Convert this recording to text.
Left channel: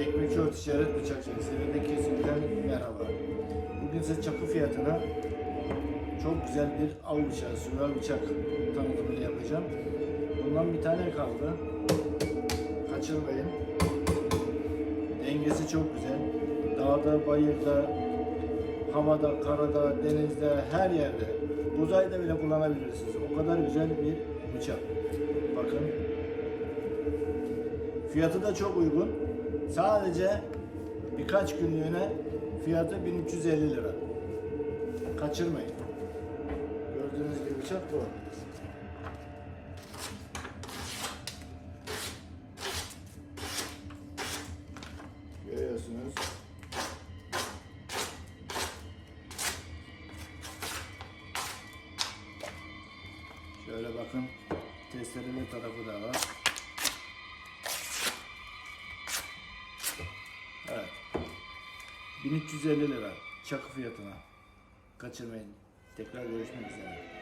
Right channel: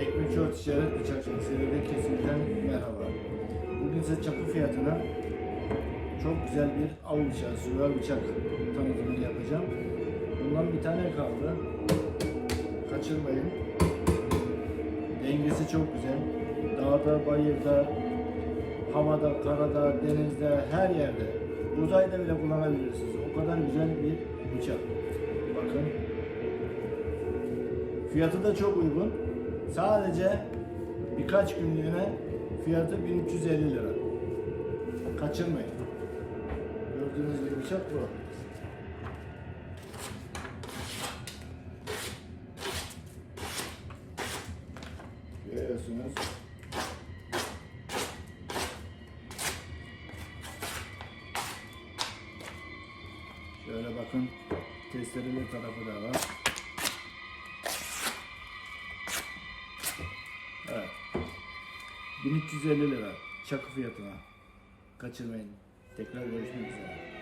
Ekmekçi Ort Ticaret Bıçakçılık Seride kesimden merhaba. Bugün size çakı fiyatına çok güzel bir av bıçağı, süver bıçak tanıtımını yapacağım. Bundan bir tane kaldı. Kaçırmayın. Dengesi çok güzel. Dağda, bayırda, havada, karada, denizde, her yerde. Uzayda bile kullanabilirsiniz. O kadar güzel bir bıçak. Bakın. Fiyatı da çok uygun. Sadece birkaç günlüğüne fiyatı 1350 lira. Kaçırmayın. Gördüğünüz gibi bıçak bu. Görüyorsunuz. Şöyle bakın testereli tarafı da var. 1350 lira çakı fiyatına. Kaçırmayın. Tekrar görüşmek üzere.